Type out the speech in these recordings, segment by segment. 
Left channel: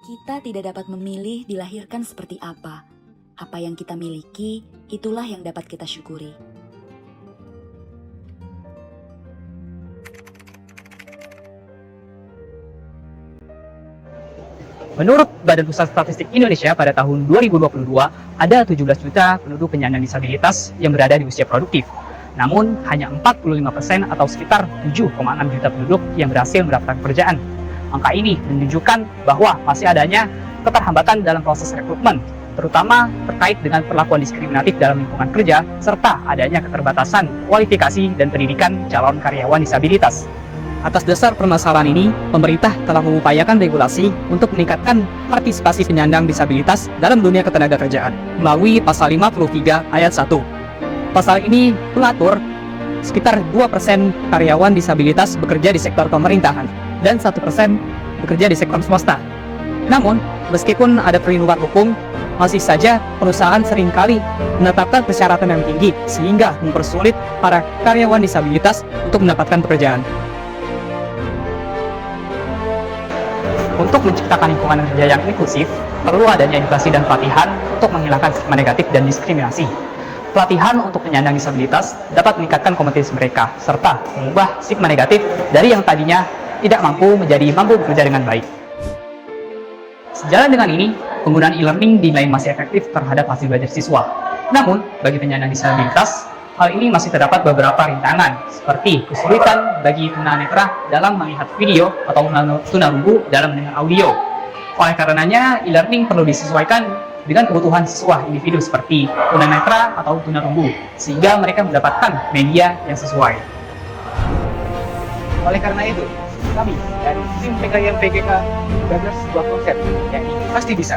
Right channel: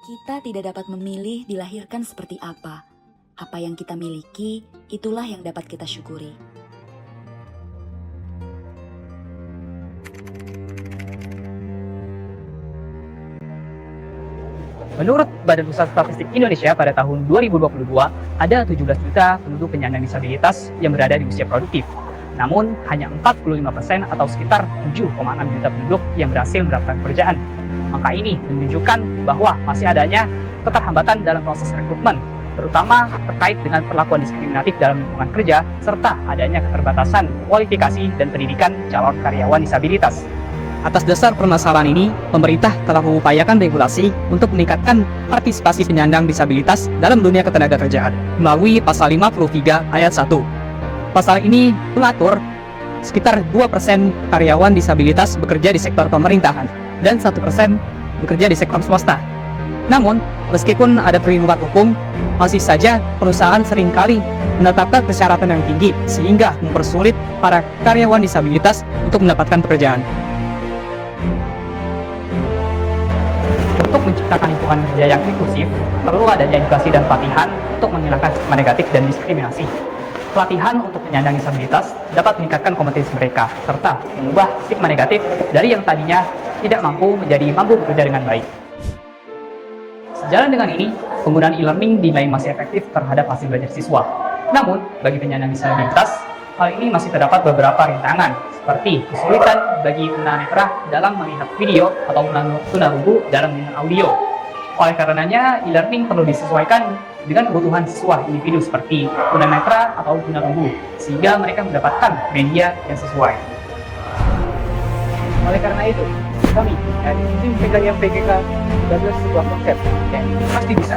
Kita tidak dapat memilih dilahirkan seperti apa. Apa yang kita miliki, itulah yang dapat kita syukuri. Menurut Badan Pusat Statistik Indonesia pada tahun 2022, ada 17 juta penduduk penyandang disabilitas yang berada di usia produktif. Namun, hanya 45% atau sekitar 7,6 juta penduduk yang berhasil mendapatkan pekerjaan. Angka ini menunjukkan bahwa masih adanya keterhambatan dalam proses rekrutmen, terutama terkait dengan perlakuan diskriminatif dalam lingkungan kerja, serta adanya keterbatasan kualifikasi dan pendidikan calon karyawan disabilitas. Atas dasar permasalahan ini, pemerintah telah mengupayakan regulasi untuk meningkatkan partisipasi penyandang disabilitas dalam dunia ketenagakerjaan melalui Pasal 53 Ayat 1. Pasal ini mengatur sekitar 2% karyawan disabilitas bekerja di sektor pemerintahan dan 1% bekerja di sektor swasta. Namun, meskipun ada perlindungan hukum, masih saja perusahaan seringkali menetapkan persyaratan yang tinggi sehingga mempersulit para karyawan disabilitas untuk mendapatkan pekerjaan. Untuk menciptakan lingkungan kerja yang inklusif, perlu adanya edukasi dan pelatihan untuk menghilangkan stigma negatif dan diskriminasi. Pelatihan untuk penyandang disabilitas dapat meningkatkan kompetensi mereka, serta mengubah stigma negatif dari yang tadinya tidak mampu menjadi mampu bekerja dengan baik. Sejalan dengan ini, penggunaan e-learning dinilai masih efektif terhadap hasil belajar siswa. Namun, bagi penyandang disabilitas, hal ini masih terdapat beberapa rintangan, seperti kesulitan bagi tunanetra dalam melihat video atau tunarungu dalam mendengar audio. Oleh karenanya, e-learning perlu disesuaikan dengan kebutuhan siswa individu seperti tunanetra atau tunarungu, sehingga mereka mendapatkan media yang sesuai. Oleh karena itu, kami dari tim yang PGK menggagas sebuah konsep yang ini pasti bisa,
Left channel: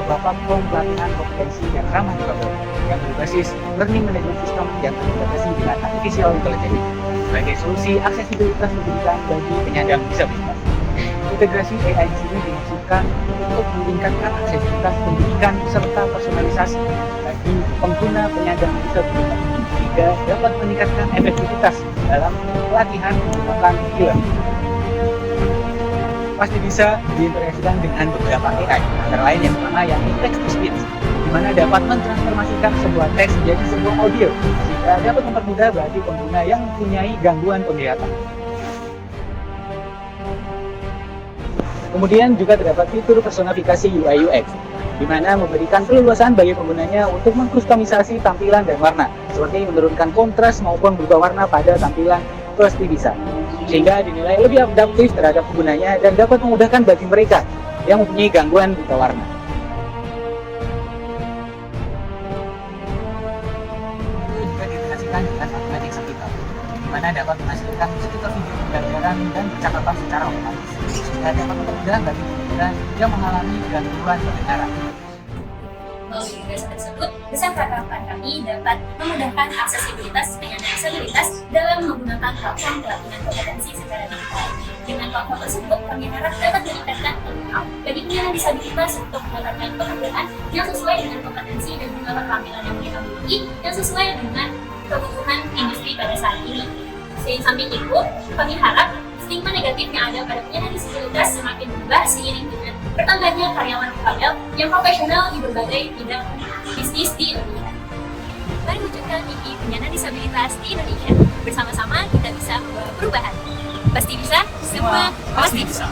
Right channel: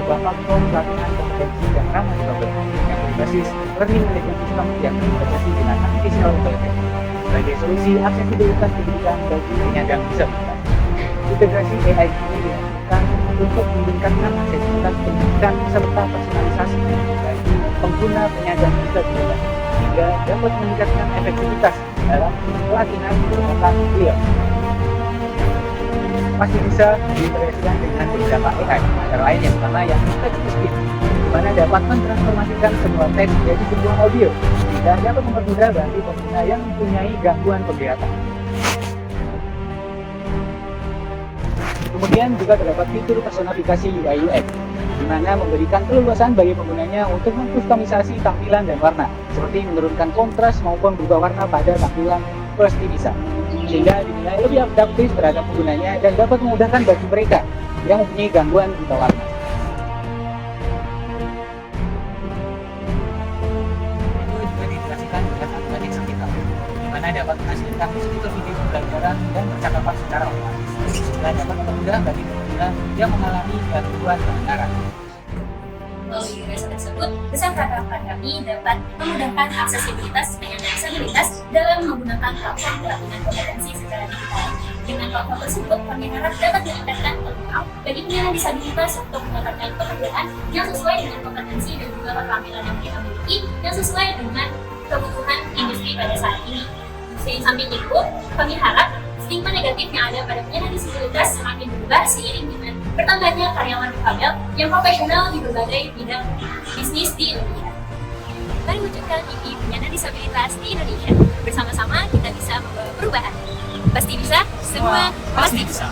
sebuah platform pelatihan kompetensi yang ramah dibangun, yang berbasis learning management system yang terintegrasi dengan artificial intelligence sebagai solusi aksesibilitas pendidikan bagi penyandang disabilitas. Integrasi AI di sini dimaksudkan untuk meningkatkan aksesibilitas pendidikan serta personalisasi bagi pengguna penyandang disabilitas, sehingga dapat meningkatkan efektivitas dalam pelatihan merupakan e-learning. Pasti bisa diintegrasikan dengan beberapa AI, antara lain yang pertama yang text-to-speech, di mana dapat mentransformasikan sebuah teks menjadi sebuah audio, sehingga dapat mempermudah bagi pengguna yang mempunyai gangguan penglihatan. Kemudian juga terdapat fitur personifikasi UI UX, di mana memberikan keleluasan bagi penggunanya untuk mengkustomisasi tampilan dan warna, seperti menurunkan kontras maupun berubah warna pada tampilan pasti bisa, sehingga dinilai lebih adaptif terhadap penggunanya dan dapat memudahkan bagi mereka yang mempunyai gangguan buta warna. Itu juga diintegrasikan dengan automatic subtitle, di mana dapat menghasilkan subtitle video pembelajaran dan percakapan secara otomatis, sehingga dapat mempermudah bagi pengguna yang mengalami gangguan pendengaran. Melalui gagasan tersebut, besar harapan kami dapat memudahkan aksesibilitas penyandang disabilitas dalam menggunakan platform pelatihan kompetensi secara digital. Dengan platform tersebut, kami harap dapat meningkatkan peluang bagi penyandang disabilitas untuk mendapatkan pekerjaan yang sesuai dengan kompetensi dan juga keterampilan yang mereka miliki, yang sesuai dengan kebutuhan industri pada saat ini. Di samping itu, kami harap stigma negatif yang ada pada penyandang disabilitas semakin berubah seiring dengan bertambahnya karyawan difabel yang profesional di berbagai bidang bisnis di Indonesia. Mari wujudkan mimpi penyandang disabilitas di Indonesia. Bersama-sama kita bisa membawa perubahan. Pasti bisa, semua pasti bisa.